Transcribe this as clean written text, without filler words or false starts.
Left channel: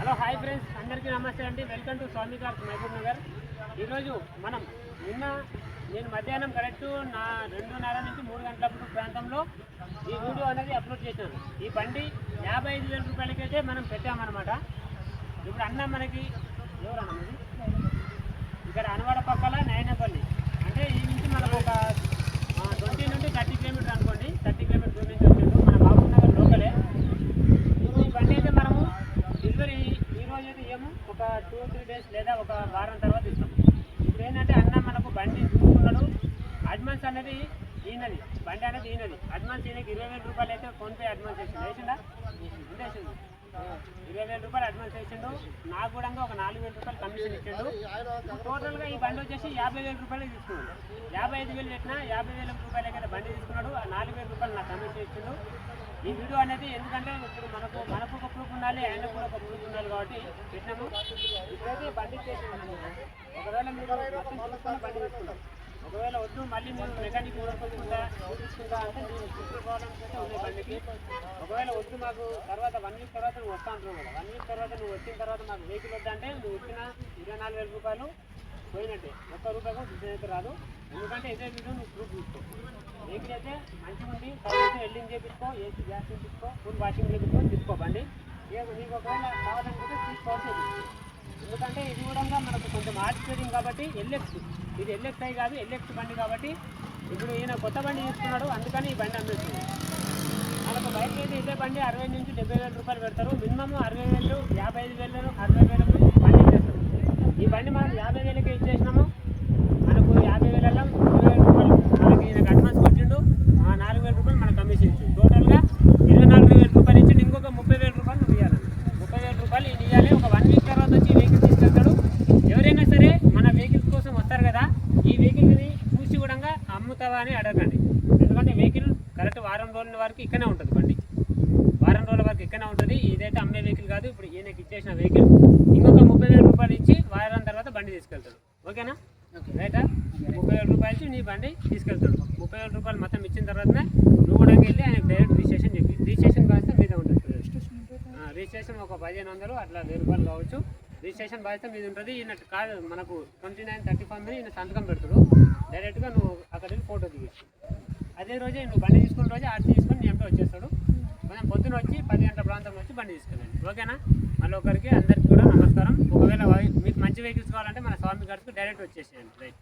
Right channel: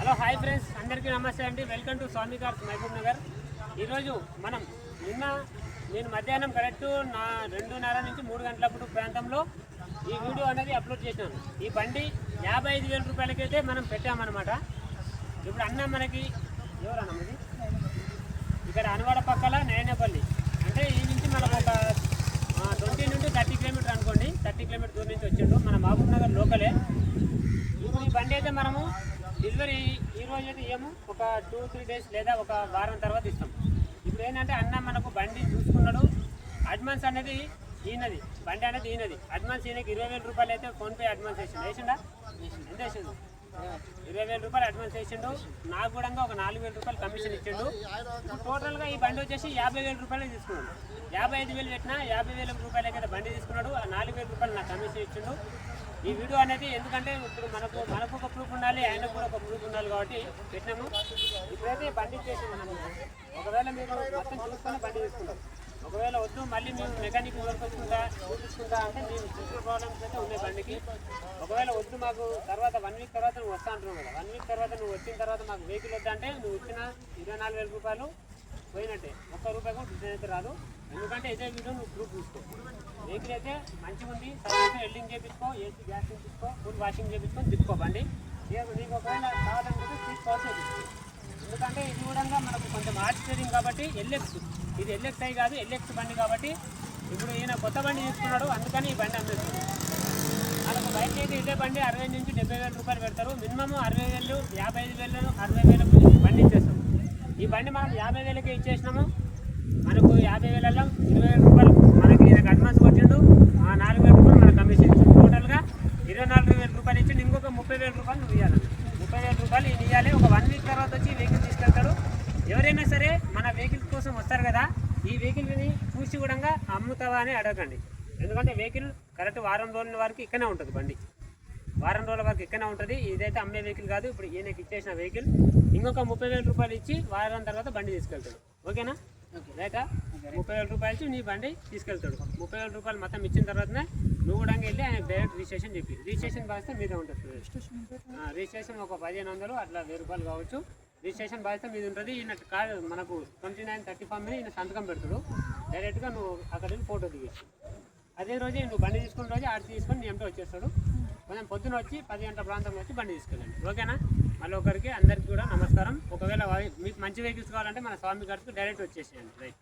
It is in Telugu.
హలో హాయ్ ఫ్రెండ్స్, అందరికీ నమస్తే అండి. Welcome to Swami cars Mahabubnagar. ఈరోజు మనం నేను మధ్యాహ్నం కరెక్ట్ 2:30 నుంచి 3 గంటలప్పుడు ప్రాంతంలో ఈ వీడియో అనేది అప్లోడ్ చేశాను. ఈ బండి 55,000 రూపాయలకైతే మనం పెట్టామన్నమాట. ఇప్పుడు అన్న మనకి ఎవరన్నా ఇది ఇక్కడ అనవాడ పక్కల నయనపల్లి అంటే ఈ నుంచి మనకు ఒక 20 నుండి 30 కిలోమీటర్ అనుకోండి. 30 కిలోమీటర్ దూరం నుంచి వచ్చిండు. మన మహబూబ్ నగర్ లోకలే. ఇప్పుడు ఈ బండి అయితే మనము డెలివరీ ఈరోజు అయితే ఏమో ఒక 2-3 డేస్ లేదా ఒక వారం తర్వాత ఇస్తాం. ఇప్పుడు ఏంటంటే అన్న మనకు బండి చూసుకున్నాడు. అడ్వాన్స్ అనేది ఈయనది, బండి అనేది ఈయనది. అడ్వాన్స్ ఈయనకి 20,000 రూపాయలు అయితే ఫోన్పే అడ్వాన్స్ వేసిండు. వేసిండా? ఎంత వేసిండు? 20,000 రూపాయలు అడ్వాన్స్ వేసిండు. నాకు కూడా ఒక 4,000 రూపాయలు కమిషన్ ఇచ్చిండు. ఇప్పుడు టోటల్గా ఈ బండి వచ్చేసి 50,000 రూపాయలు తీసుకున్నాడు. 55,000 పెట్టినా 50,000 రూపాయలకి అయితే బండి తీసుకున్నాడు. 4,000 రూపాయలు నాకు కమిషన్ ఇచ్చిండు. ఈ వీడియో అనేది ఎందుకంటే ఇప్పుడు మనకు ఒక ప్రూఫ్ ఉండాలి, ఆయనకు కూడా ఒక ప్రూఫ్ ఉండాలి కాబట్టి పెట్టినాము. ఇప్పుడైతే బండి ఇచ్చేసాము మనం. ఒకవేళ మీరు మొత్తం చూసుకొని బండి తీసుకున్నారు. ఒకవేళ వద్దు మళ్ళీ మేము మెకానిక్ వర్క్ చూపించుకుంటా అంటే మేము ఫిజికల్ ప్రాబ్లమ్స్ అయితే ఉన్నాయి బండికి. ఒకవేళ వద్దు మాకు తర్వాత 1 వీక్ తర్వాత నువ్వు వస్తా అంటున్నావు కదా, 1 వీక్ తర్వాత నువ్వు వచ్చిన తర్వాత మాకు వెహికల్ వద్దంటే నువ్వు ఇచ్చిన 24,000 రూపాయలు పోయినట్టే. ₹1 కూడా రిటర్న్ అయితే రాదు. ఎందుకంటే ఇదే వీడియో నువ్వు ప్రూఫ్ తీసుకో. వెహికల్ అయితే మంచిగా ఉంది, సర్వీస్ ఎల్డింగ్ చేయించుకో, ఏసీ గ్యాస్ చేయించుకో, ఫుల్ వాషింగ్ చేయించుకొని తిప్పుకో బండి. నీకు ఒకవేళ కావాలనుకుంటే తీసుకోవాల్సి. ఎందుకంటే ఇది కూడా మనకు కొంచెం ఆర్ట్ ట్రేడింగ్ కాబట్టి ఎల్ఎక్స్, ఇది ఎల్ఎక్స్ఐ కాదు ఎల్ఎక్స్ బండి కాబట్టి ఇప్పుడు ఈయన కొత్త బండి తీసుకున్నాడు, అందుకని ఈ బండి అమ్మేస్తుంది. మనకు బయట అయితే ఇదే బండి 60,000 నుంచి 70,000 రూపాయలు పెడతారు. మినిమం 60,000, 55,000, 60,000 బండి ఇచ్చేస్తాం. ఈ బండి మనం 50,000కే ఇచ్చేసినాము. మనకు 50,000లో 20,000 రూపాయలు మనకి ఈయనకు అడ్వాన్స్ కొట్టిండు. 4,000 రూపాయలు మనకు కమిషన్ ఇచ్చిండు. టోటల్గా 24,000 రూపాయలు ఇచ్చిండు. ఇంకొక 30,000 రూపాయలు నువ్వు ఇవ్వాలన్న. 30,000 రూపాయలు ఈయన ఇవ్వాలి. ఒక 1 వీక్ తర్వాత వచ్చి వెహికల్ తీసుకెళ్తాడు. ఎవరైనా సరే మన వెహికల్స్ కోసం వస్తారు కదా, ఈ వెహికల్ని చూసి కూడా అమ్ముతావా అని అడగండి. ఎందుకంటే వెహికల్ కరెక్ట్ వారం రోజుల వరకు ఇక్కడనే ఉంటుంది. బండి వారం రోజుల వరకు ఇక్కడనే ఉంటుంది. ఇదైతే అమ్మే వెహికల్ కాదు. ఇప్పుడు ఈయనకి ఇచ్చేసిన వెహికల్ ఇంకొక 30,000 రూపాయలు ఇచ్చి వారం తర్వాత బండి తీసుకెళ్తాడు. ఓకేనా? రైటా? 30,000 రూపాయలు ఇచ్చి నీ బండి తీసుకెళ్తాడు. 30,000 రూపాయలు మొత్తం ఇచ్చిన తర్వాతనే నువ్వు కూడా వెళ్ళి ఆయనకు డైరెక్ట్ రిజిస్ట్రేషన్ చెప్పి రిజిస్ట్రేషన్ బాధ్యత మీద ఉంటుంది. రిజిస్ట్రేషన్ ఒక 1,500 అట్లా 1,000 రూపాయలు కావచ్చు. రిజిస్ట్రేషన్ బాధ్యత మీద ఉంటుంది. ఈయన కాదు మనకు 2930 ఫామ్ మీద ఈయన సంతకం పెడతాడు. డైరెక్ట్గా నువ్వు అక్కడ వెళ్ళి ఫోటో దిగేసి అదే రోజే నువ్వు బండి తీసుకున్న రోజే ఆర్సీ తీసుకొని నీ ఎంతో వచ్చేస్తాడు. కొంచెం పొద్దున వచ్చి 10 గంటల ప్రాంతంలో వచ్చి బండి తీసుకెళ్ళండి. ఓకేనా? మళ్ళీ ఒకరికి అందరికీ కూడా నమస్కారం. ఒకవేళ మీకు మంచి వెహికల్స్ కావాలంటే మన స్వామి గారికి డైరెక్ట్ వచ్చేసేయండి. రైట్.